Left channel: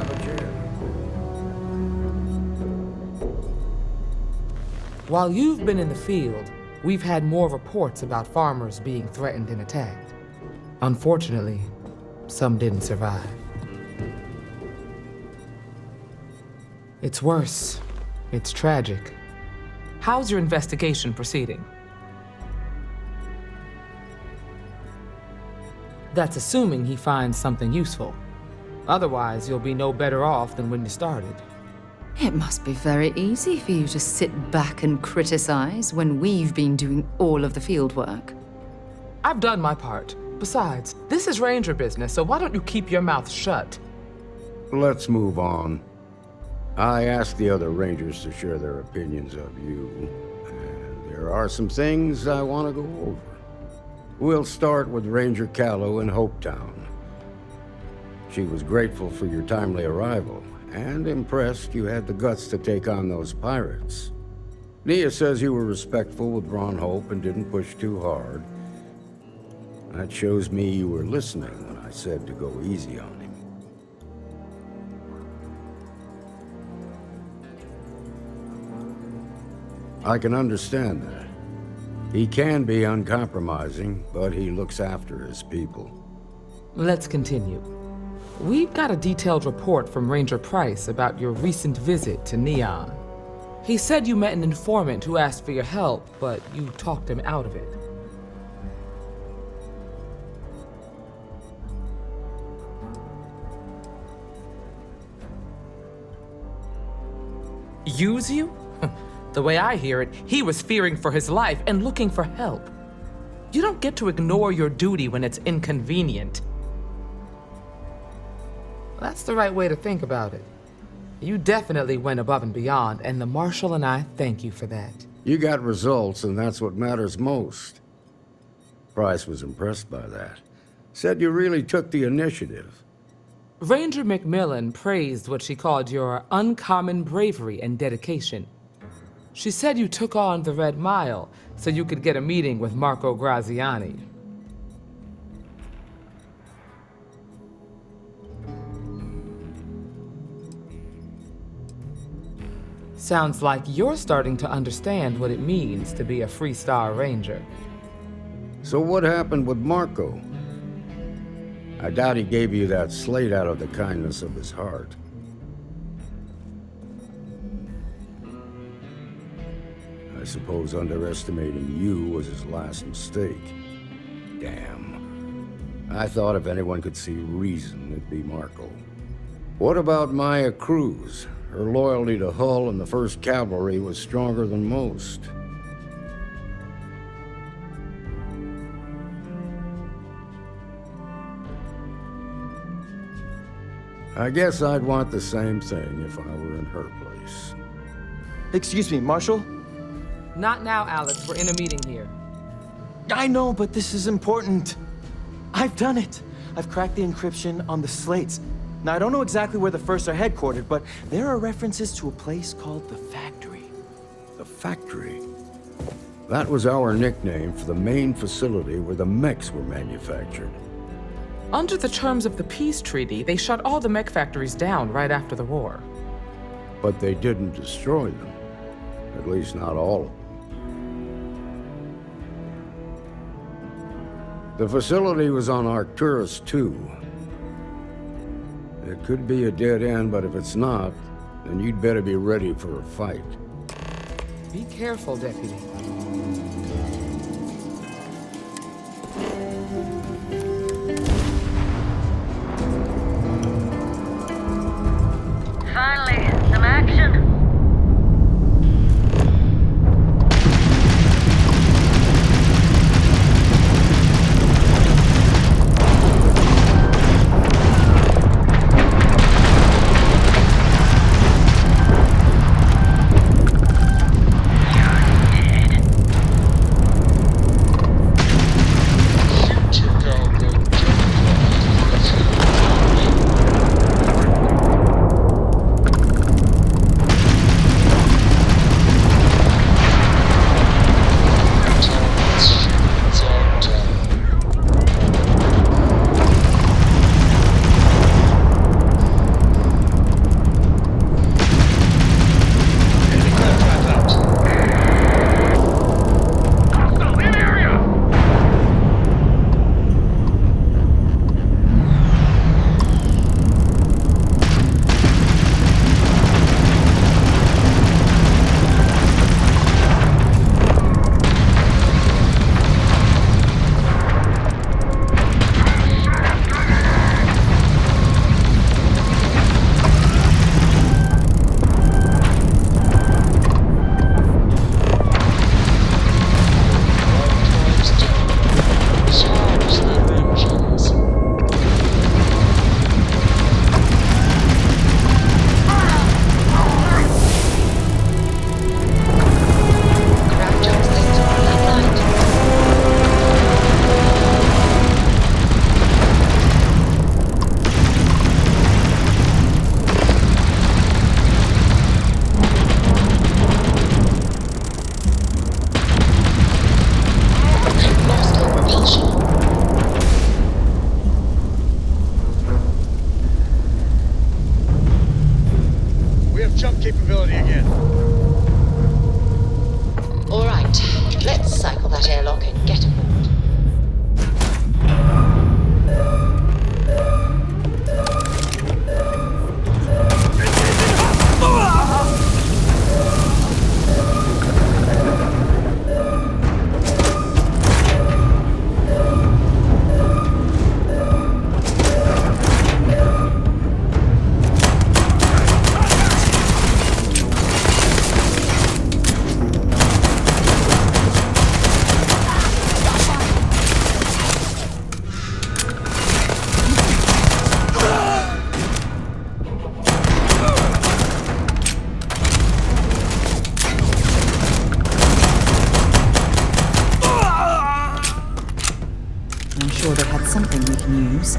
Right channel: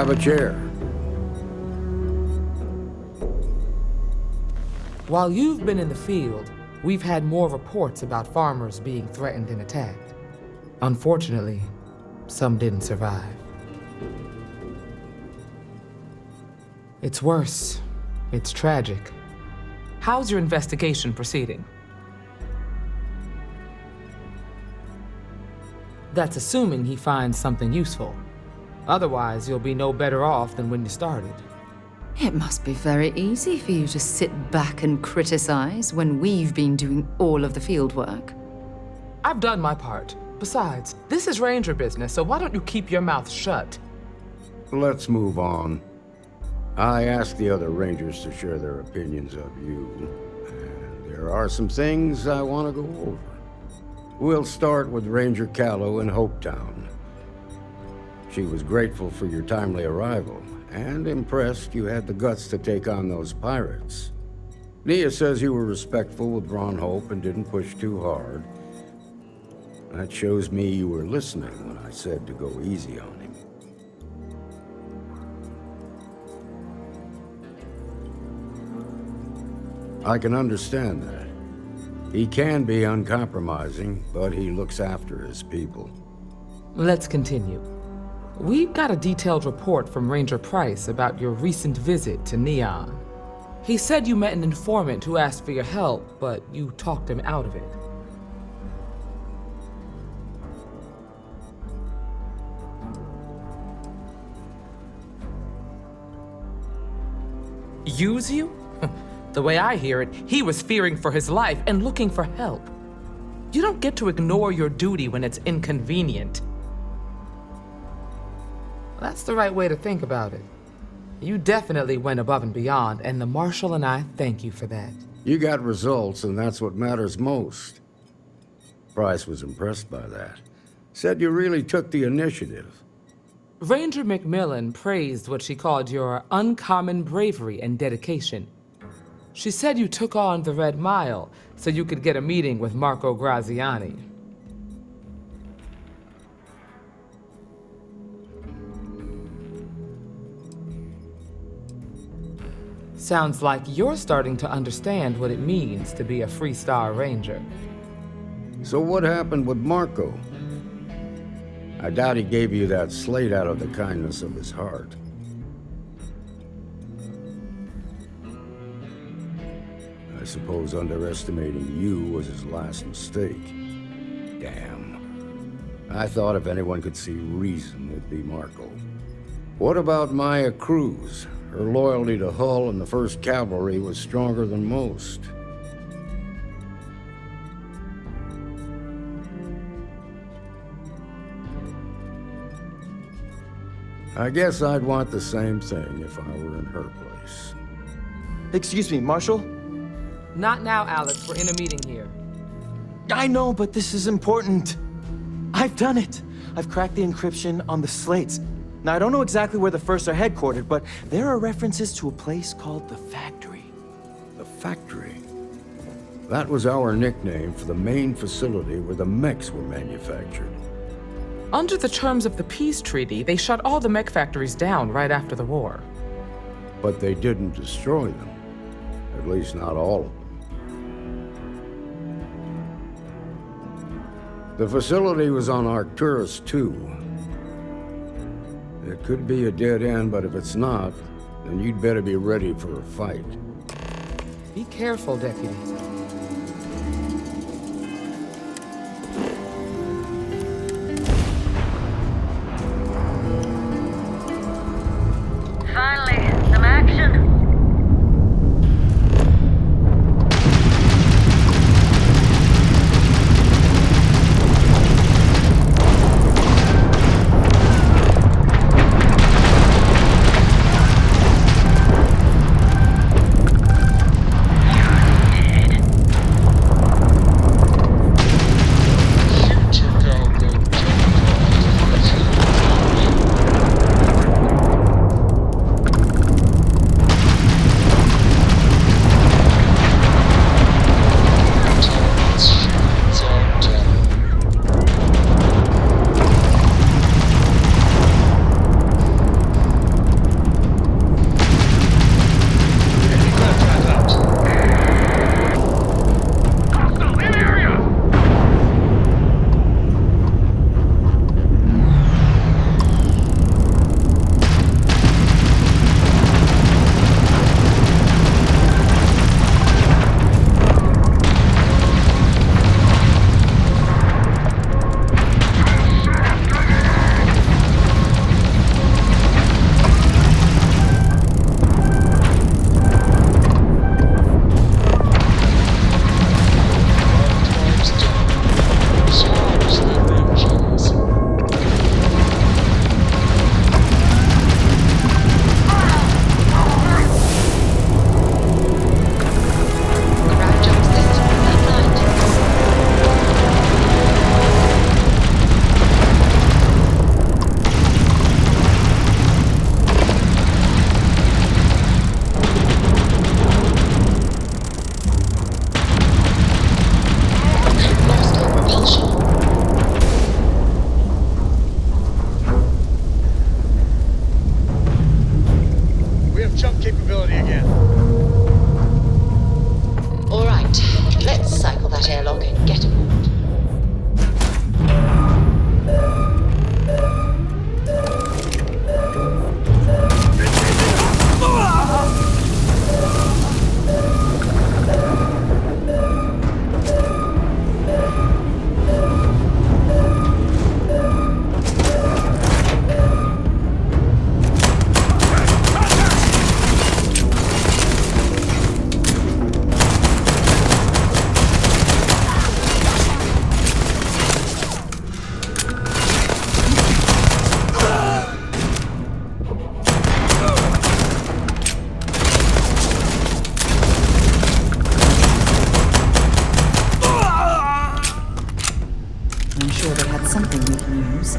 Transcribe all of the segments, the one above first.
grab a chair. While you've been in the field, we've had more reports about farmers being threatened and attacked. Unfortunately, some didn't survive. It's worse. It's tragic. How's your investigation proceeding? That's assuming he finds something useful. Otherwise, you'll be no better off than when you started. It must be very easy for you to sit back and criticize when we've been doing all of the field work. I've done my part. Besides, this is Ranger business, so why don't you keep your mouth shut? Let's move on. I asked the other Rangers to share their opinions of you, and there are some things I want to go over. We'll start with Ranger Callow in Hopetown. She was grateful for your timely arrival, and impressed you had the guts to take on those pirates. Nia says you were respectful with Ron Hope and didn't push too hard. That shows me you were listening when I said to go easy on him. I can understand that. He can be uncompromising, but he looks after his people. Let's continue. We've got a detailed report from Ranger Price about your recent visit to Neon. He said you met an informant who asked for your help, but you talked him out of it. Use you? The way I hear it, he was fearing for his life and looking for help. You don't get to ignore your duty when it's inconvenient. That's the right way to think about it. You definitely went above and beyond, and the Marshal and I thank you for that. You got results, and that's what matters most. Price was impressed by that. Said you really took the initiative. Ranger McMillan praised what she called your uncommon bravery and dedication. She said you took on the Red Mile so you could get a meeting with Marco Graziani. Sounds like you're starting to understand what it means to be a Freestar Ranger. So what happened with Marco? I doubt he gave you that slate out of the kindness of his heart. I suppose underestimating you was his last mistake. Damn. I thought if anyone could see reason, it'd be Marco. What about Maya Cruz? Her loyalty to Hull and the 1st Cavalry was stronger than most. I guess I'd want the same thing if I were in her place. Excuse me, Marshal? Not now, Alex. We're in a meeting here. I know, but this is important. I've done it. I've cracked the encryption on the slates. Now, I don't know exactly where the First are headquartered, but there are references to a place called the Factory. The Factory? That was our nickname for the main facility where the mechs were manufactured. Under the terms of the peace treaty, they shut all the mech factories down right after the war. But they didn't destroy them. At least not all of them. The facility was on Arcturus 2. It could be a dead end, but if it's not, then you'd better be ready for a fight. Be careful, Deputy. Finally, some action. You're dead. that airlock and get aboard. I'm sure they had something we can use.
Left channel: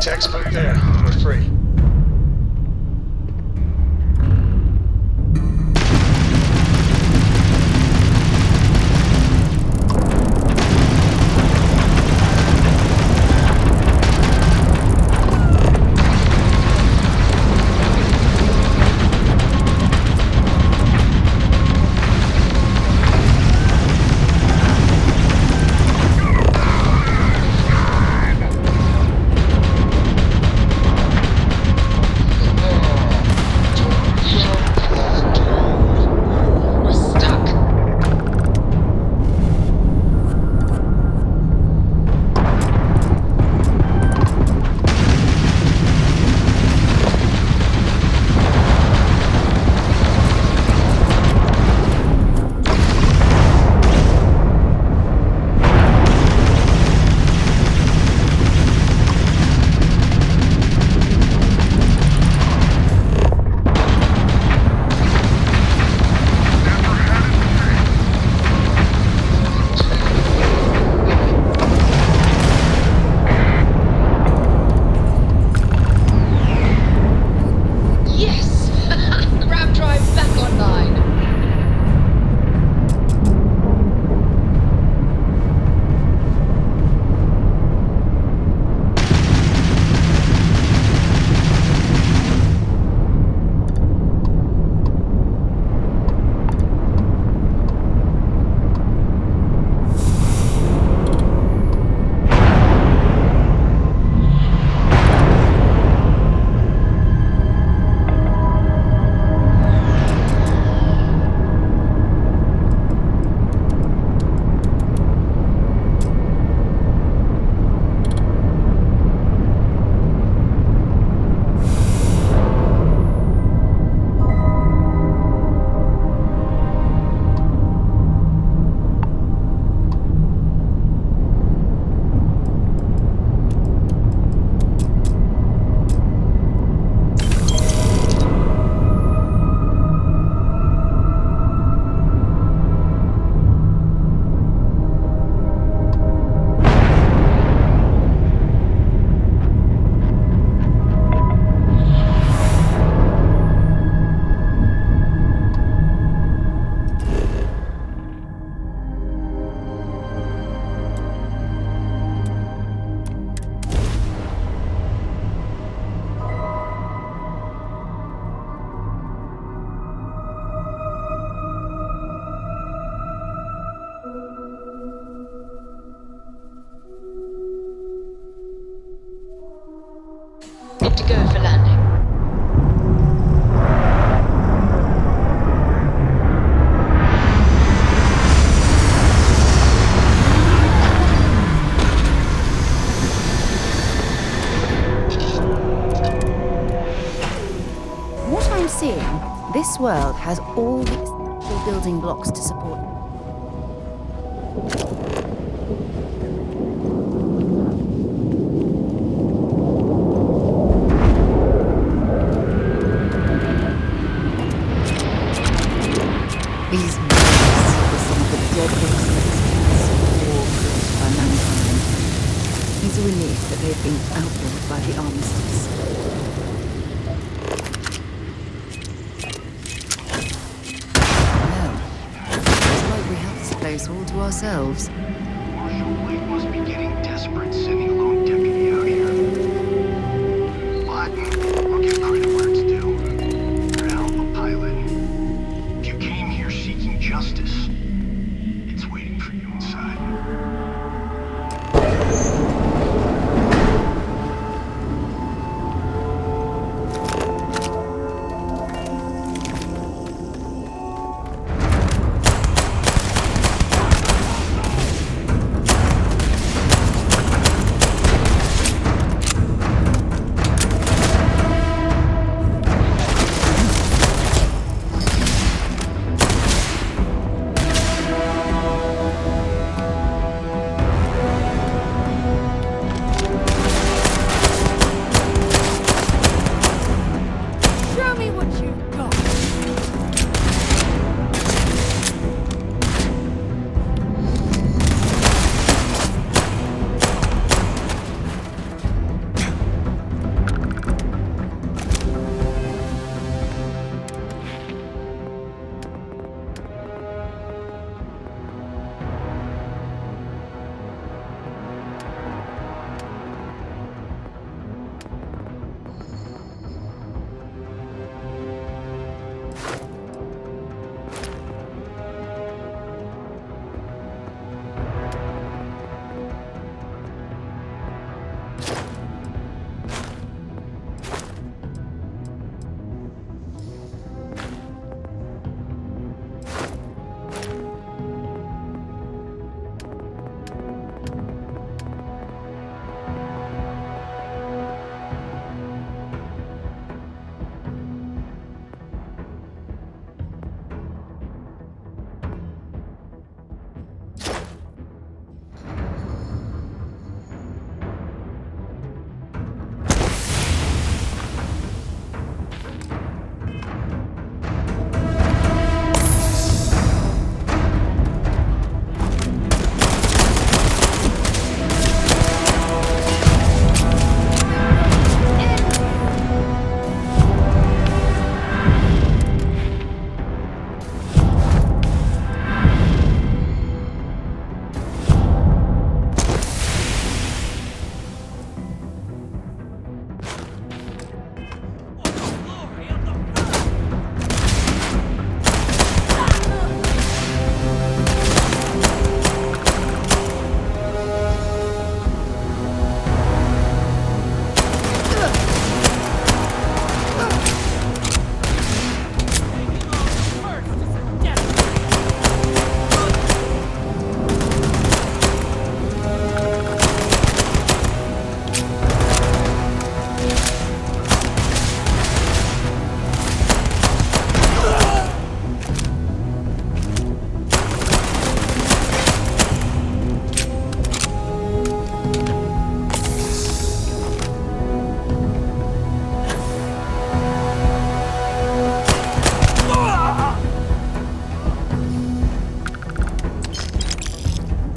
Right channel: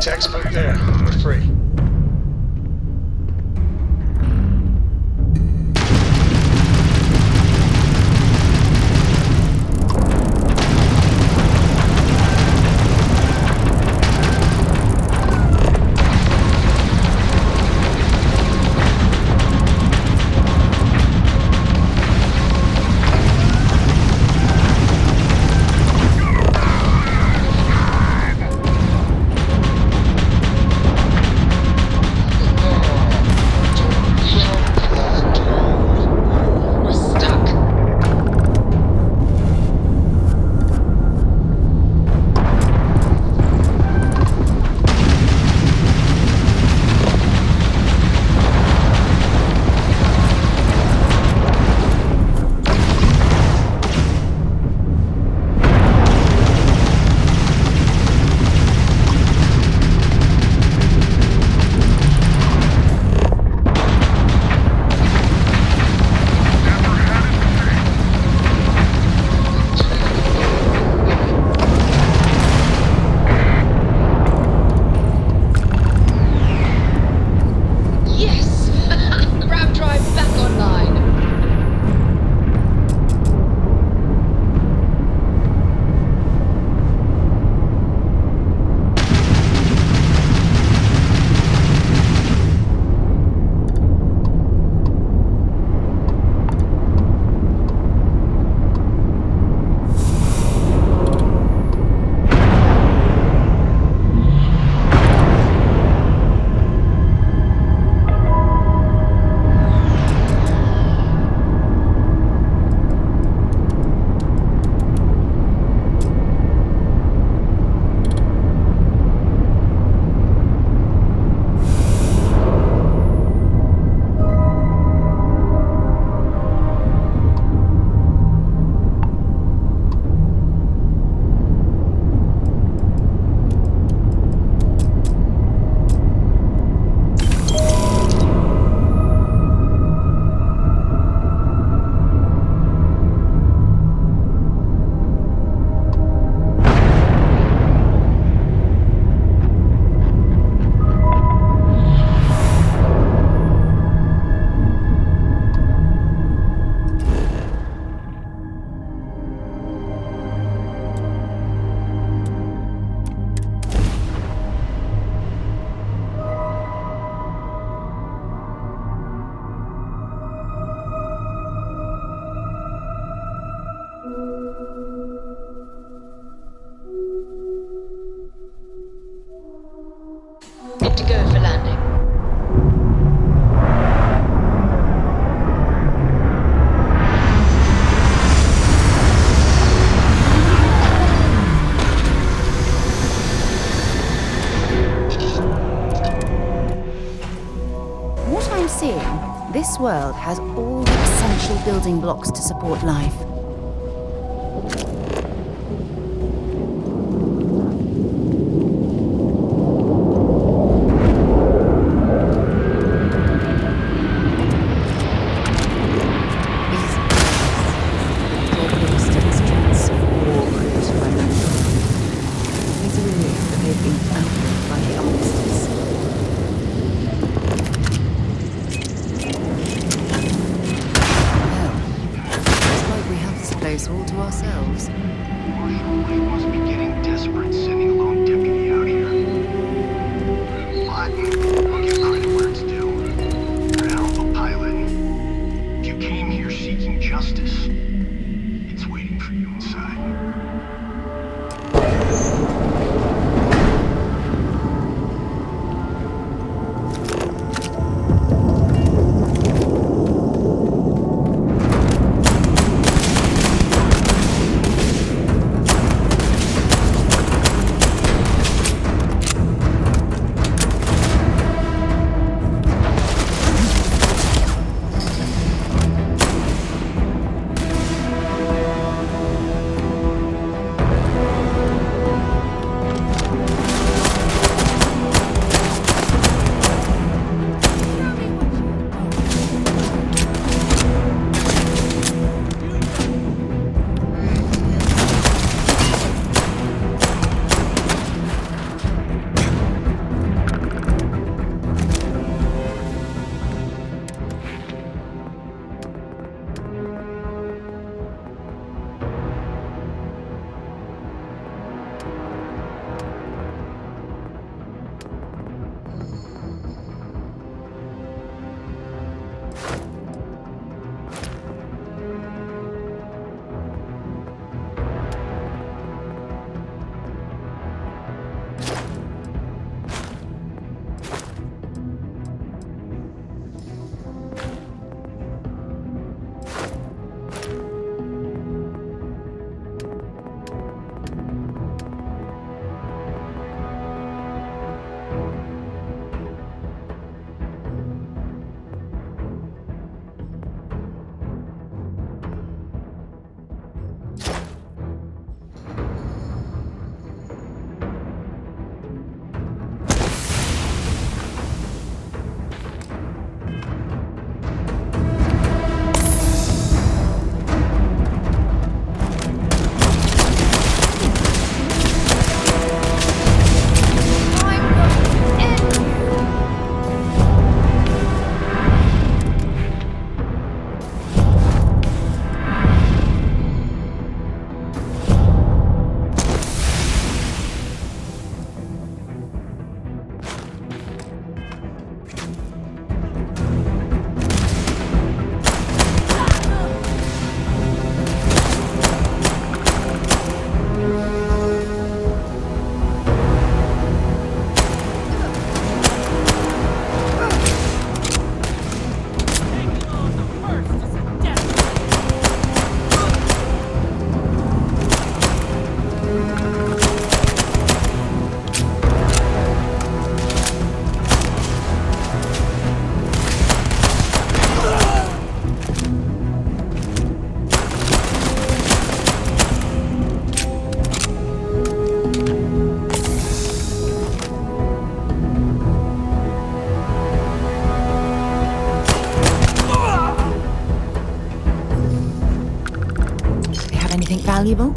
Textbook there. We're free. to go for landing. What I'm seeing, this world has all the essential building blocks to support life. These beasts are the deadliest instruments of war created by mankind. It's a relief that they've been outlawed by the armistice. We have this place all to ourselves. Marshal Blake must be getting desperate sending a lone deputy out here. But I'll give credit where it's due. You're a hell of a pilot. If you came here seeking justice, it's waiting for you inside. valuable?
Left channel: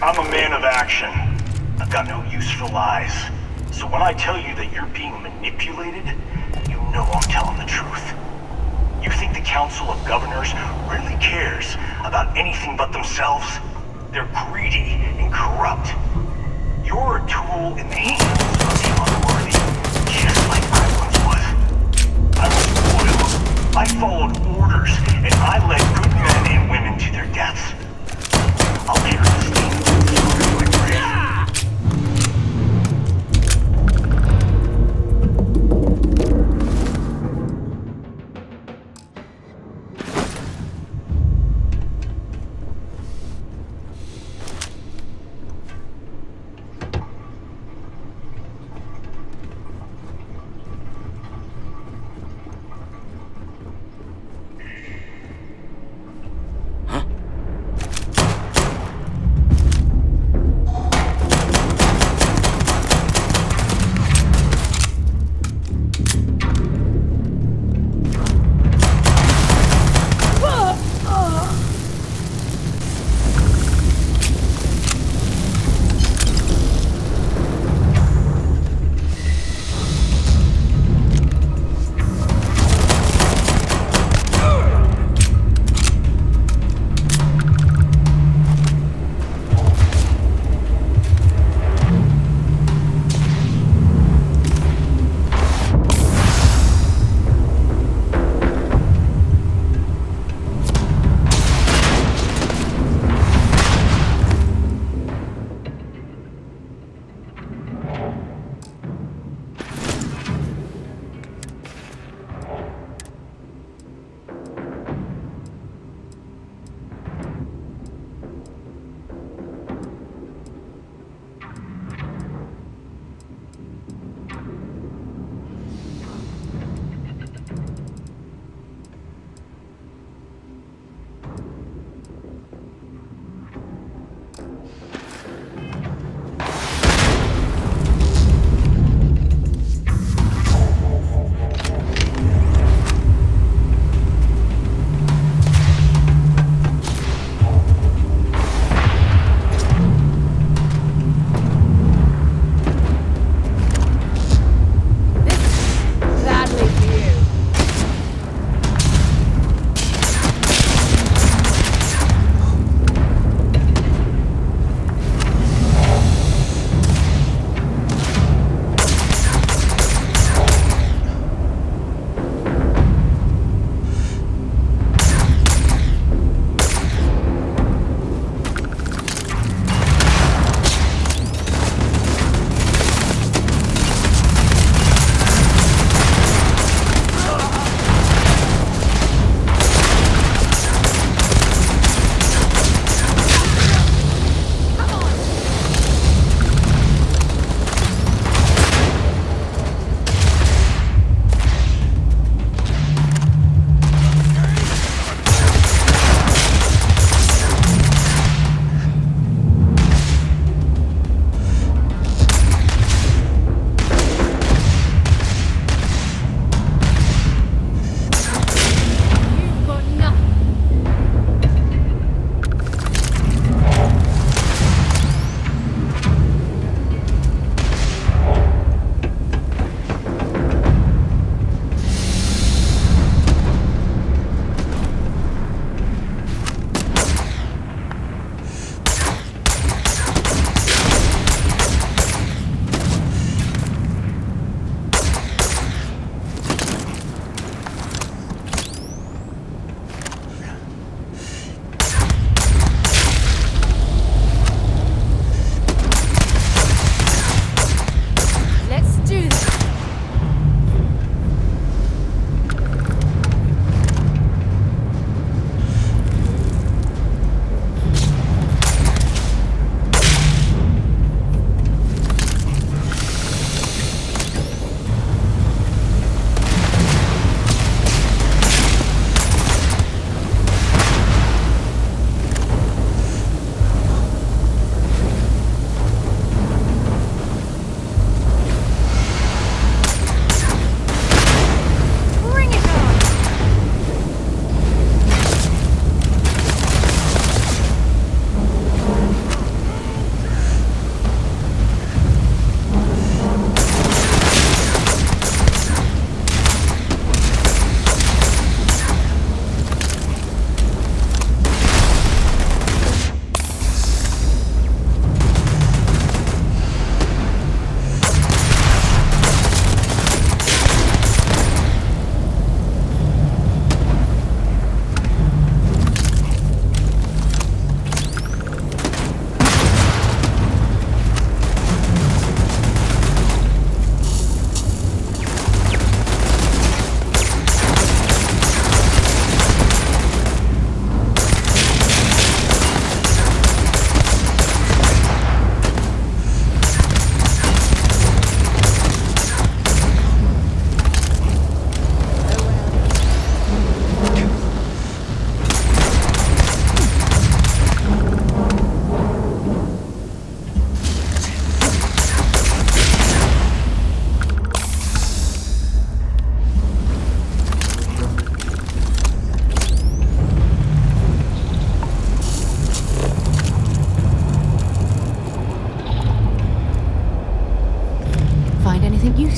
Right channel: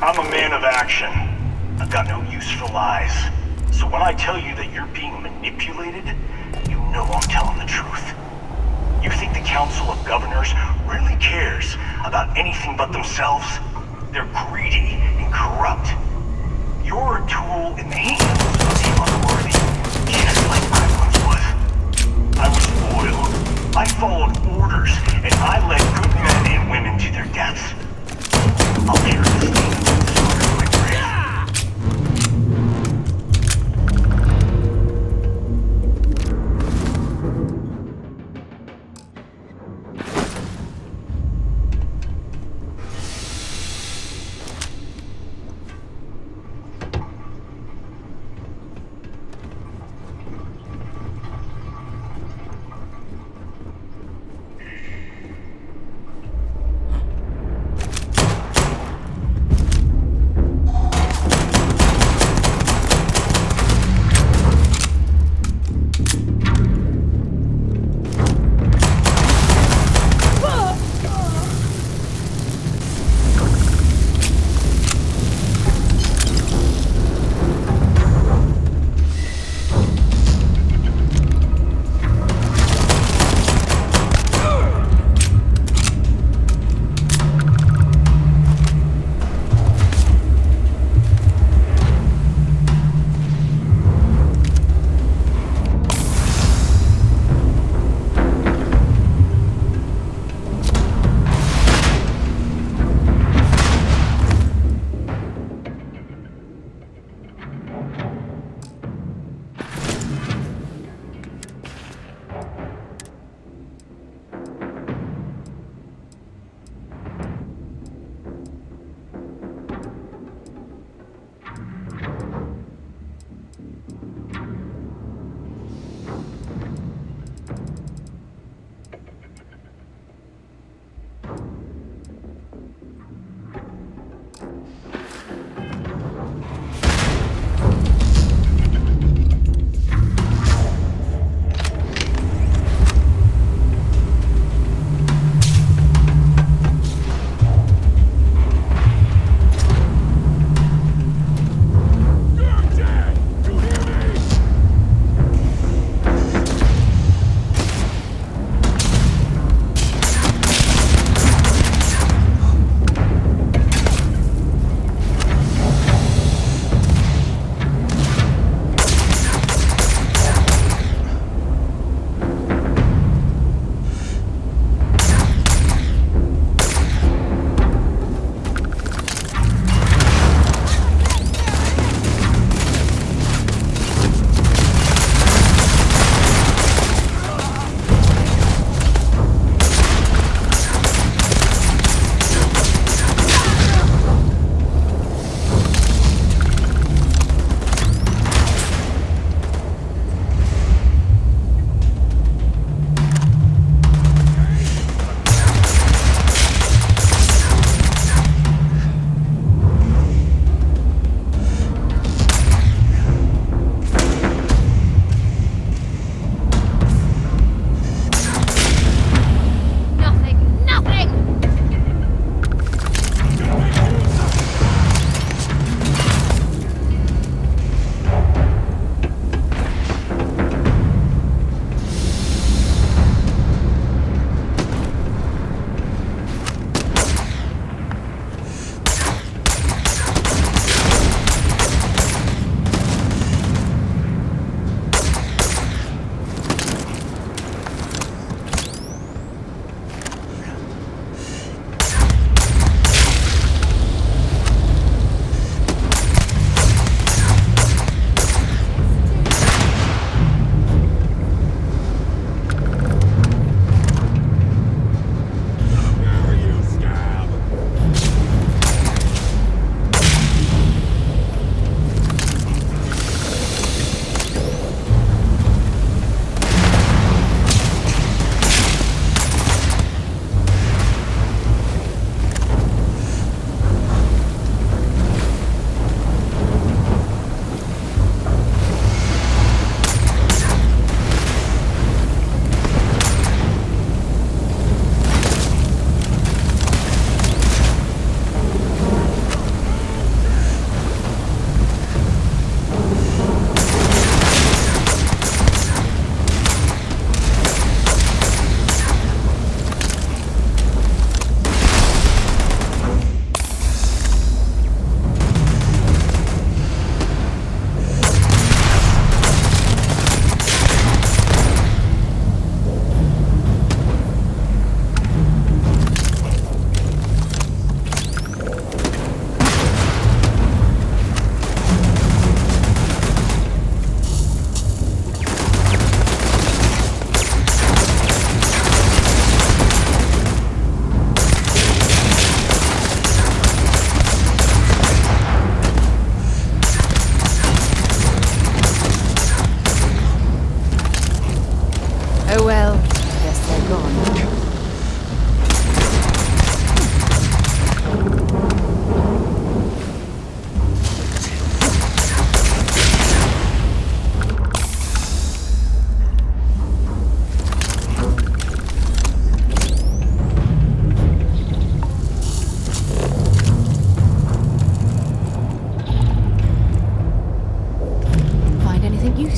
I'm a man of action. I've got no use for lies. So when I tell you that you're being manipulated, you know I'm telling the truth. You think the Council of Governors really cares about anything but themselves? They're greedy and corrupt. You're a tool in the hands of the unworthy, just like I once was. I was loyal. I followed orders, and I led good men and women to their deaths. I'll carry the stain of that story to my grave.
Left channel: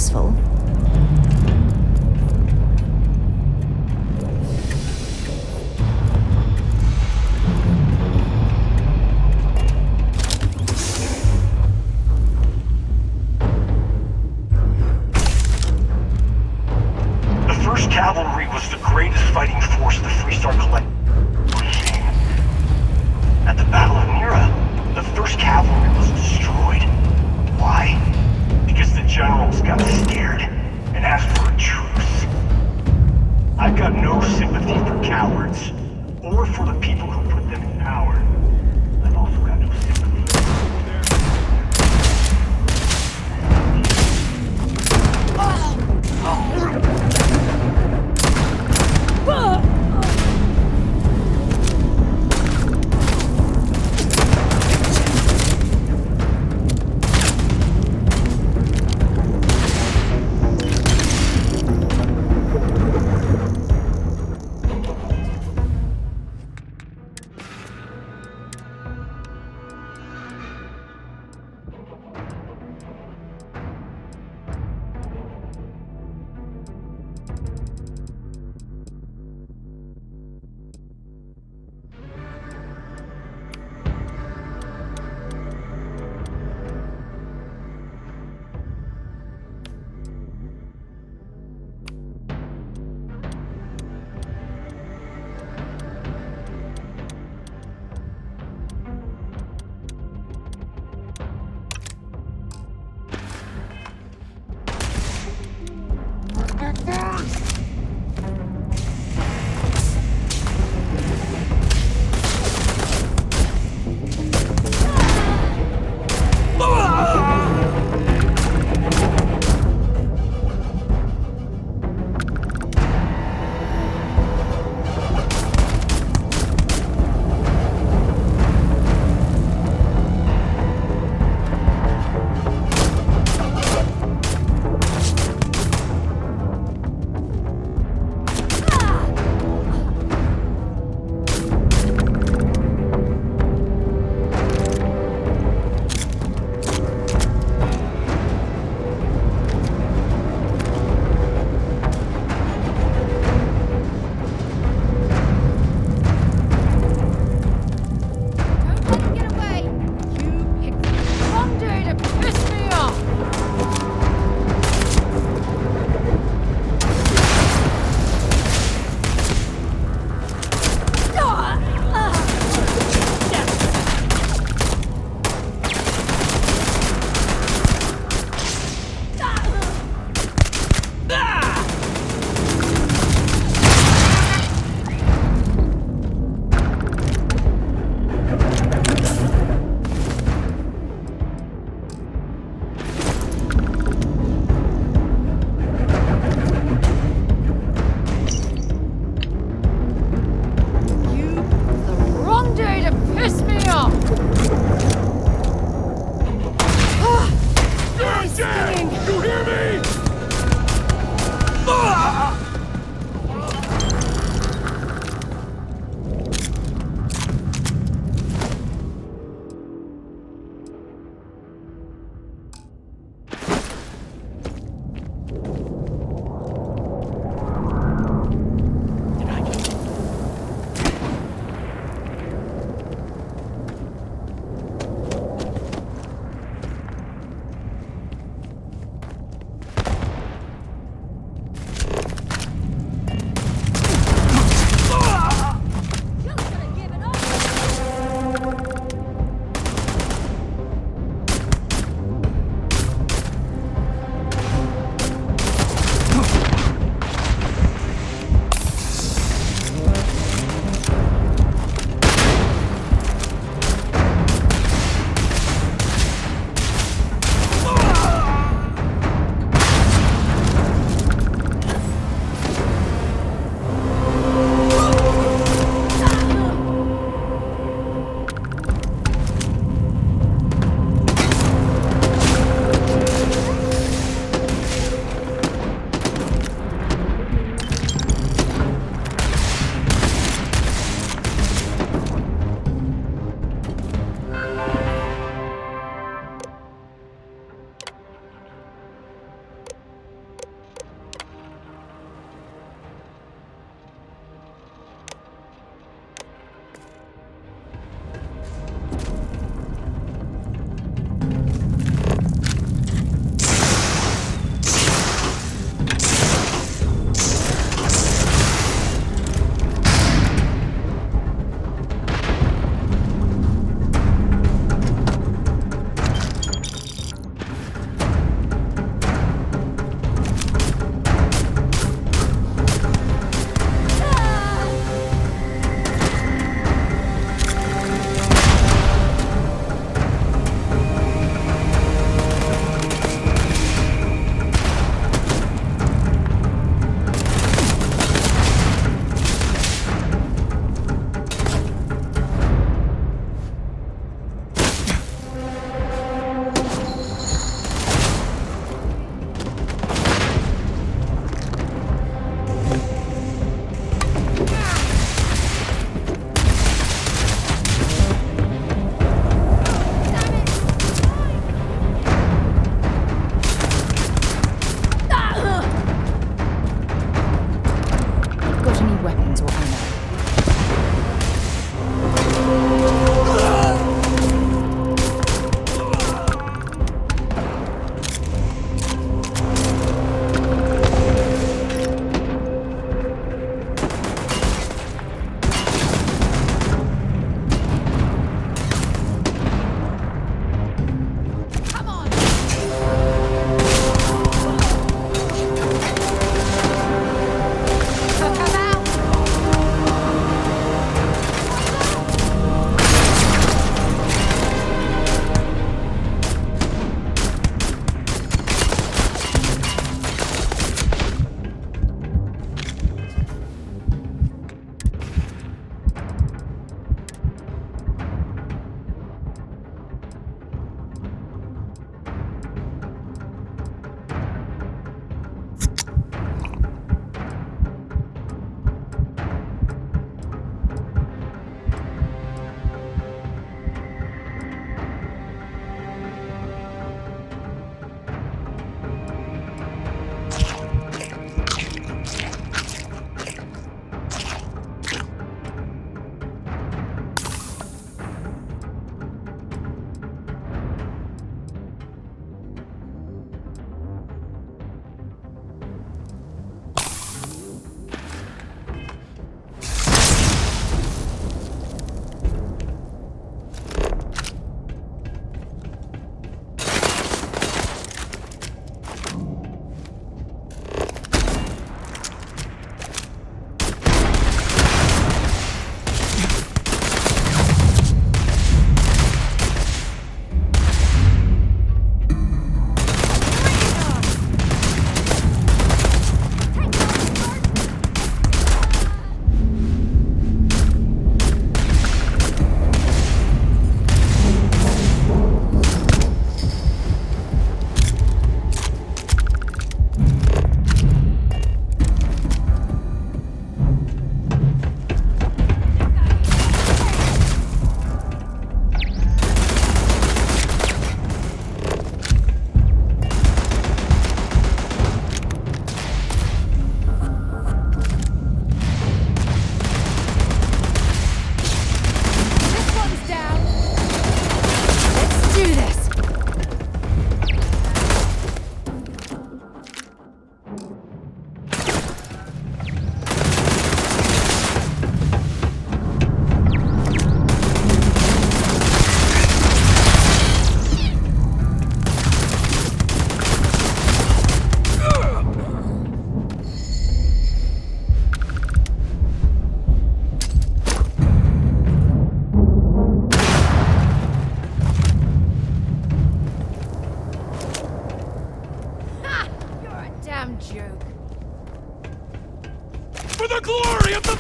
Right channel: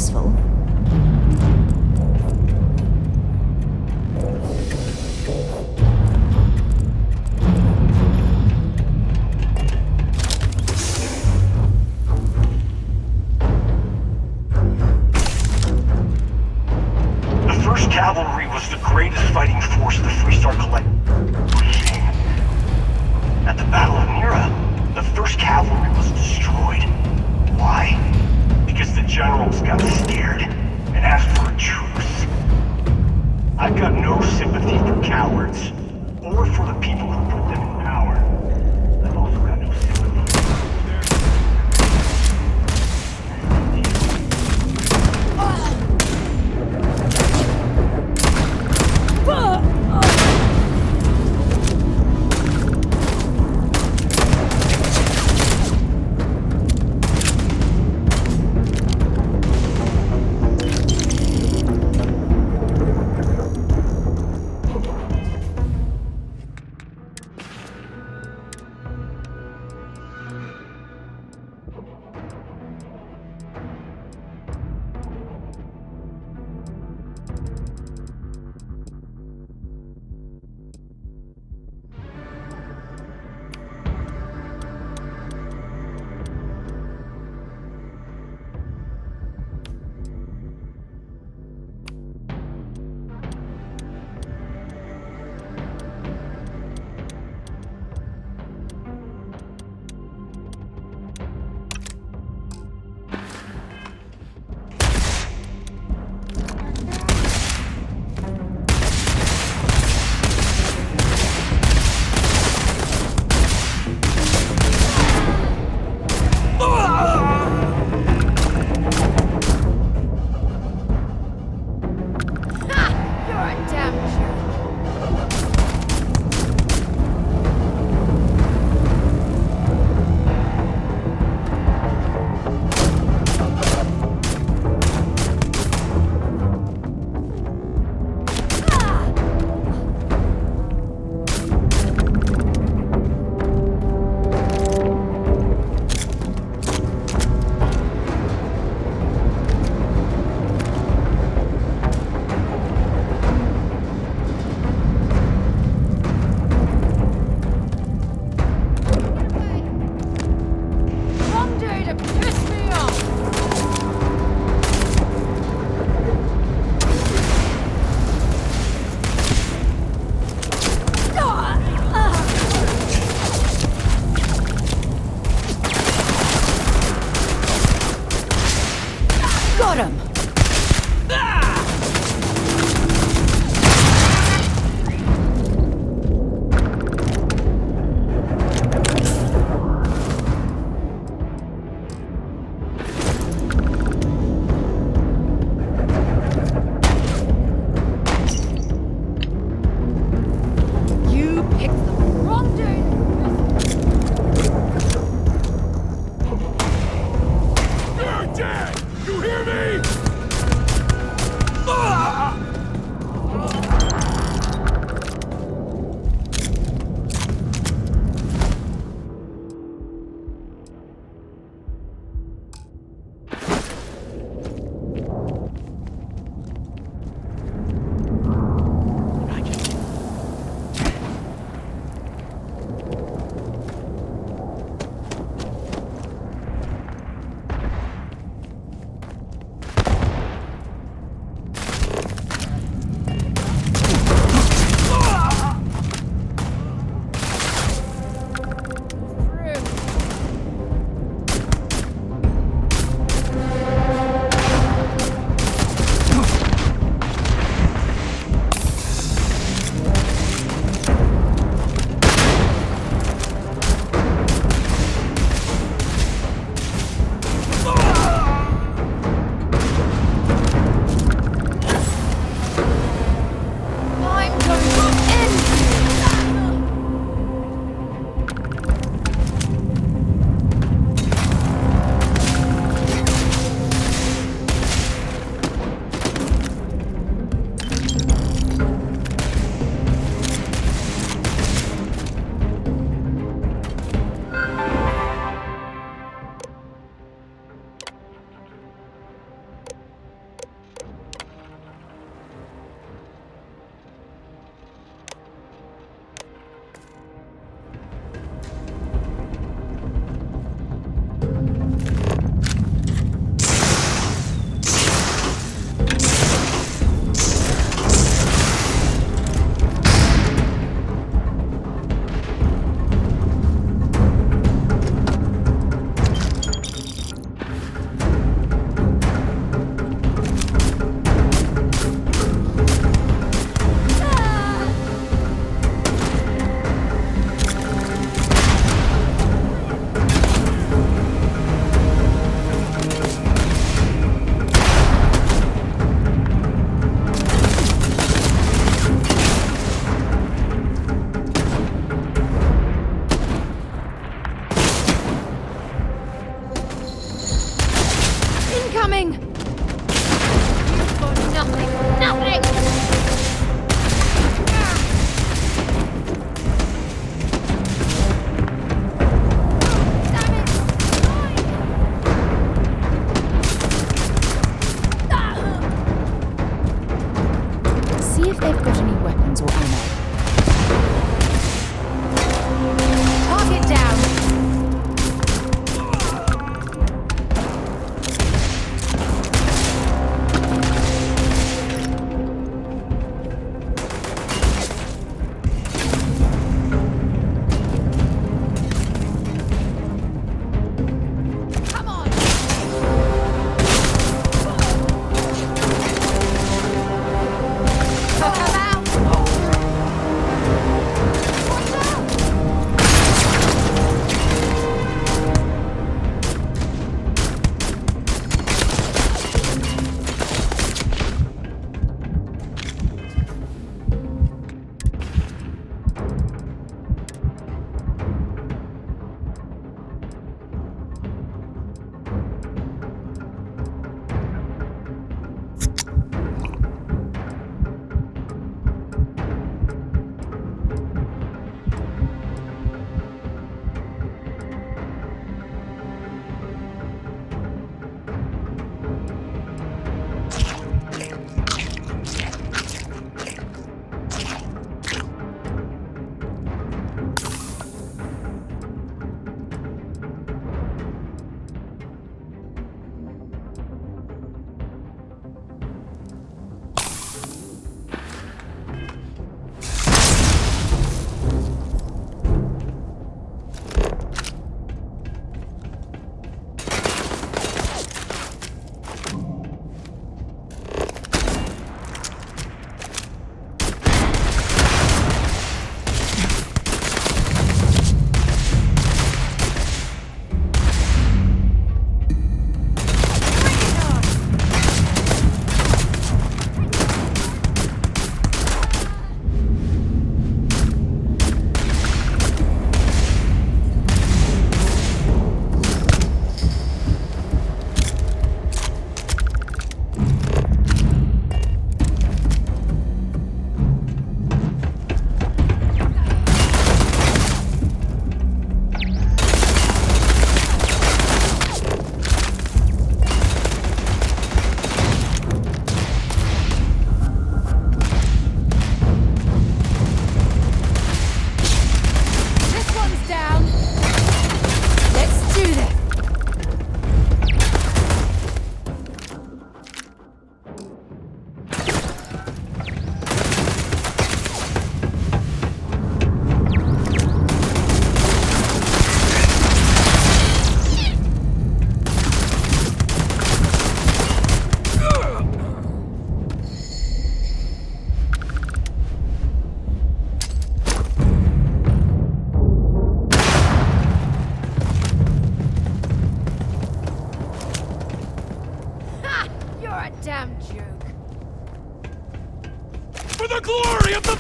useful. The 1st Cavalry was the greatest fighting force of the Freestar Collective. At the Battle of Mira, the 1st Cavalry was destroyed. Why? Because the generals got scared and asked for a truce. I've got no sympathy for cowards, or for the people who put them in power. I've also got no sympathy for their...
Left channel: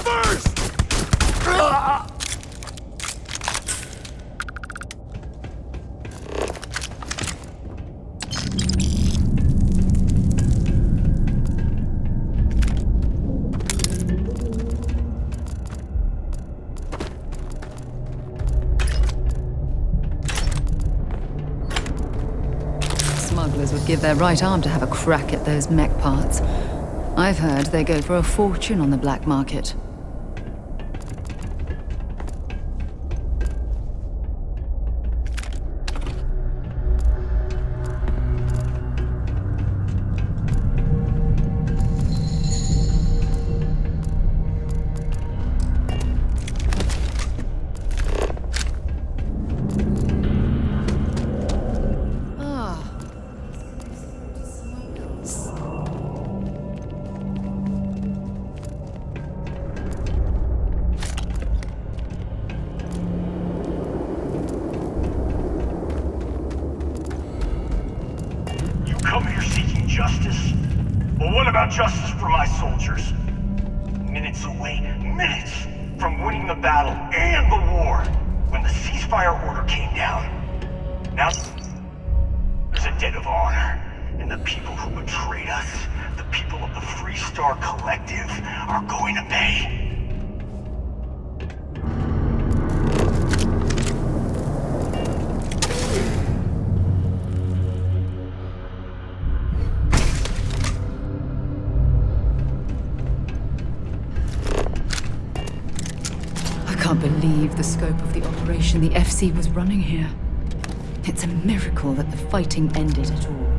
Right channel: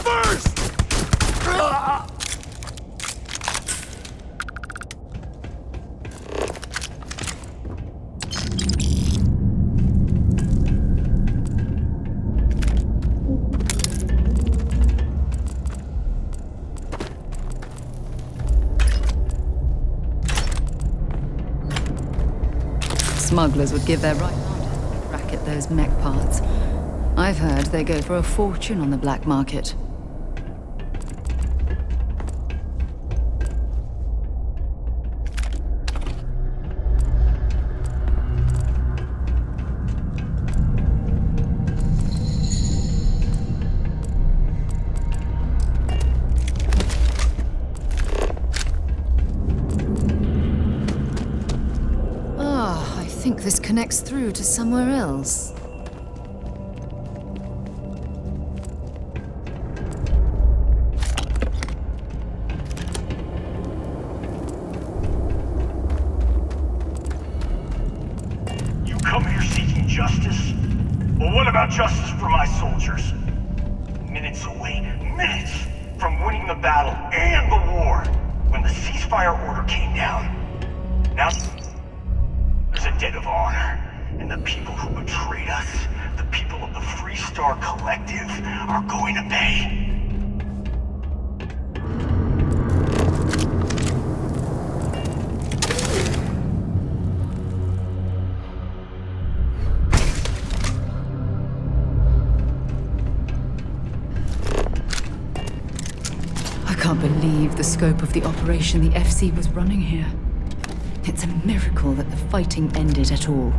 first! Smugglers would give their right arm to have a crack at those mech parts. I've heard they go for a fortune on the black market. I think this connects through to somewhere else. You come here seeking justice? Well, what about justice for my soldiers? Minutes away, minutes from winning the battle and the war, when the ceasefire order came down. Now, there's a debt of honor, and the people who betrayed us, the people of the Freestar Collective, are going to pay. I can't believe the scope of the operation the FC was running here. It's a miracle that the fighting ended at all.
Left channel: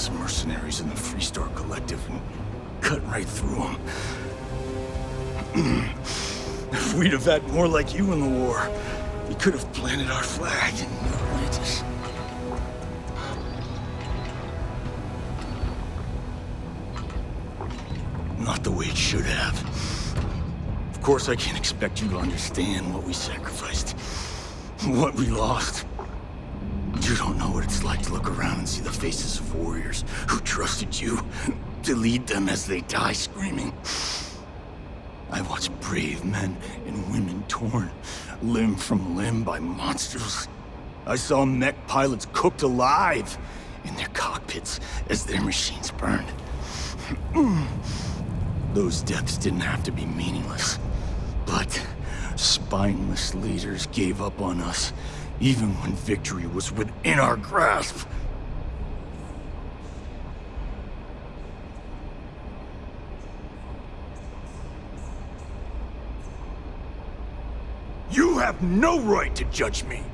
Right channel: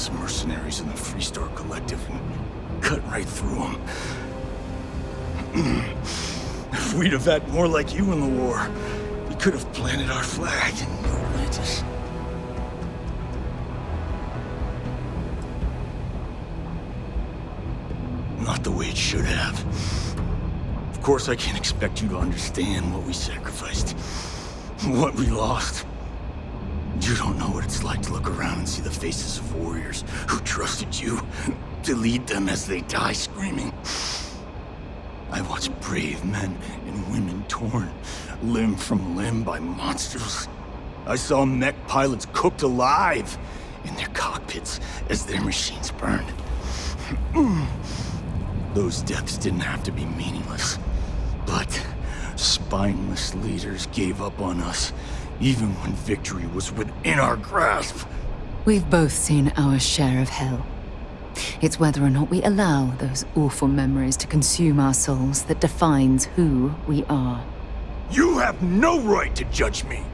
best mercenaries in the Freestar Collective and cut right through them. If we'd have had more like you in the war, we could have planted our flag in New Atlantis. Not the way it should have. Of course, I can't expect you to understand what we sacrificed, what we lost. You don't know what it's like to look around and see the faces of warriors who trusted you to lead them as they die screaming. I watched brave men and women torn limb from limb by monsters. I saw mech pilots cooked alive in their cockpits as their machines burned. Those deaths didn't have to be meaningless, but spineless leaders gave up on us even when victory was within our grasp. We've both seen our share of hell. It's whether or not we allow those awful memories to consume our souls that defines who we are. You have no right to judge me.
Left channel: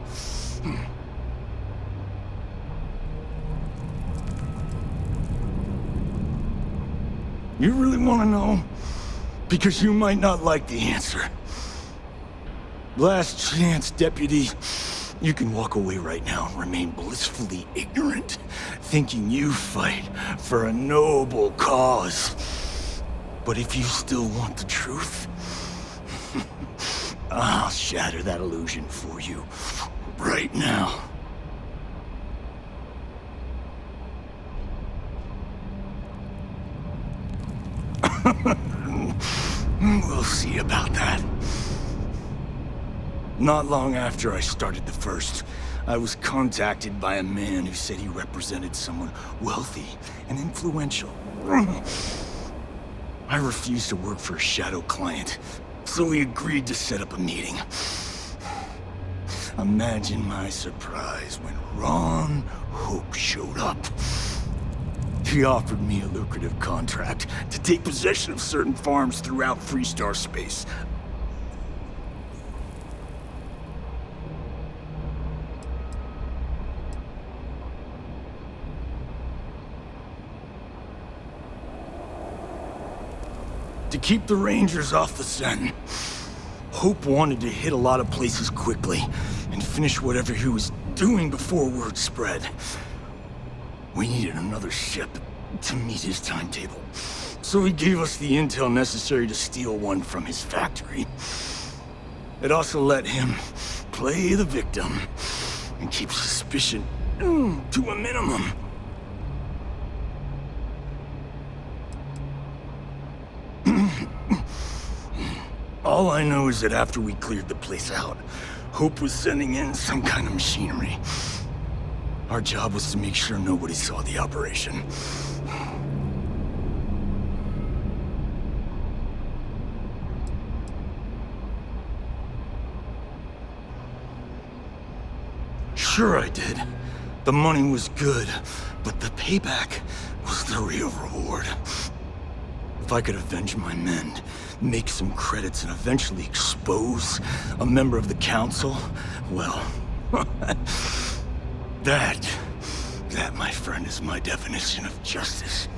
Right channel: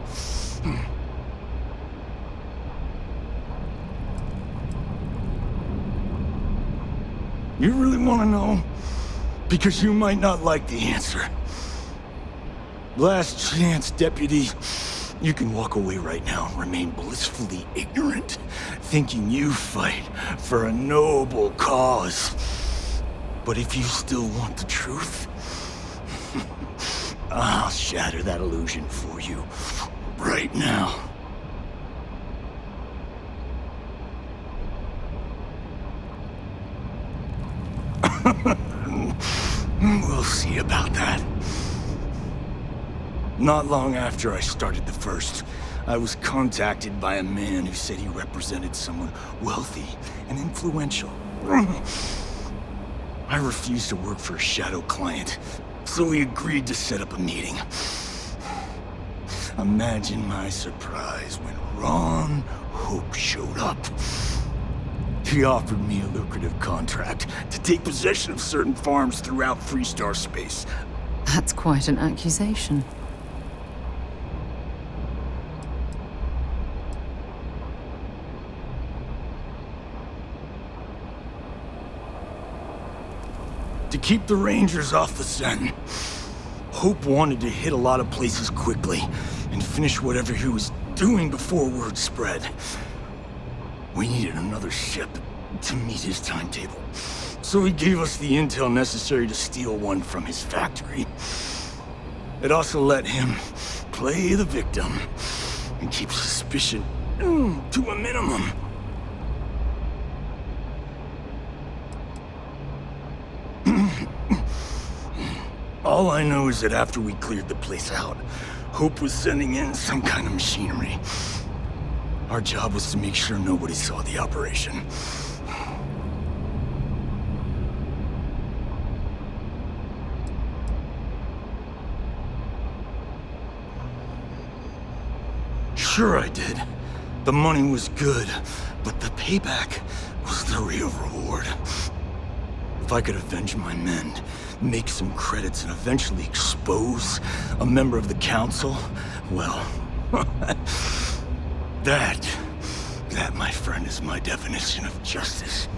You really want to know? Because you might not like the answer. Last chance, Deputy. You can walk away right now and remain blissfully ignorant, thinking you fight for a noble cause. But if you still want the truth, I'll shatter that illusion for you right now. We'll see about that. Not long after I started the First, I was contacted by a man who said he represented someone wealthy and influential. I refused to work for a shadow client, so we agreed to set up a meeting. Imagine my surprise when Ron Hope showed up. He offered me a lucrative contract to take possession of certain farms throughout Freestar space. That's quite an accusation. To keep the Rangers off the scent, Hope wanted to hit a lot of places quickly and finish whatever he was doing before word spread. We needed another ship to meet his timetable, so he gave us the intel necessary to steal one from his factory. It also let him play the victim and keep suspicion to a minimum. All I know is that after we cleared the place out, Hope was sending in some kind of machinery. Our job was to make sure nobody saw the operation. Sure I did. The money was good, but the payback was the real reward. If I could avenge my men, make some credits, and eventually expose a member of the council, well, that, my friend, is my definition of justice.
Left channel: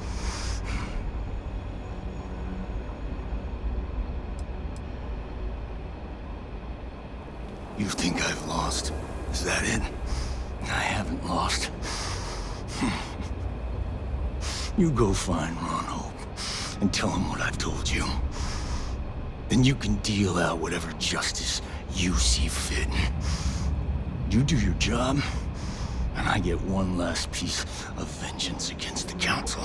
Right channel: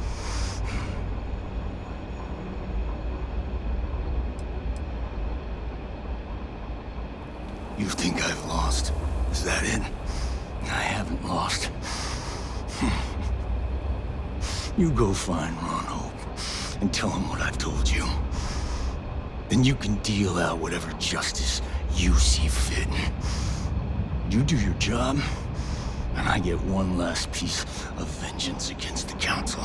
You think I've lost? Is that it? I haven't lost. You go find Ron Hope and tell him what I've told you. Then you can deal out whatever justice you see fit. You do your job, and I get one last piece of vengeance against the Council.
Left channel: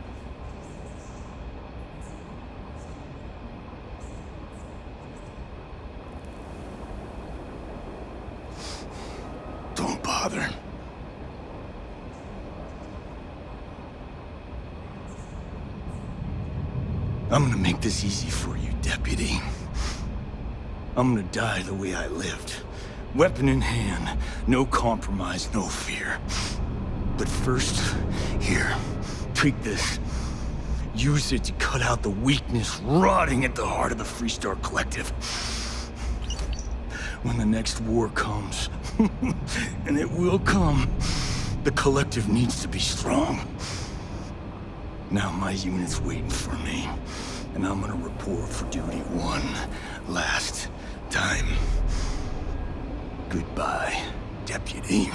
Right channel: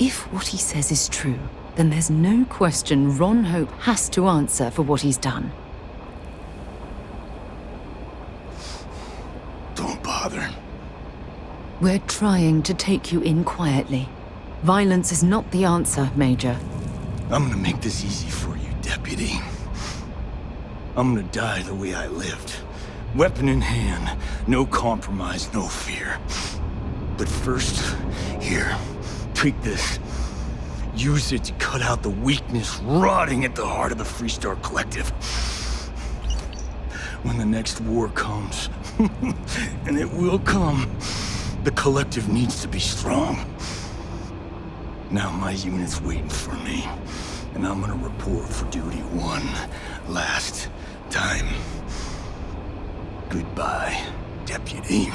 If what he says is true, then there's no question Ron Hope has to answer for what he's done. Don't bother. We're trying to take you in quietly. Violence is not the answer, Major. I'm gonna make this easy for you, Deputy. I'm gonna die the way I lived. Weapon in hand, no compromise, no fear. But first, here, take this. Use it to cut out the weakness rotting at the heart of the Freestar Collective. When the next war comes, and it will come, The collective needs to be strong. Now my unit's waiting for me, and I'm gonna report for duty one last time. Goodbye, Deputy.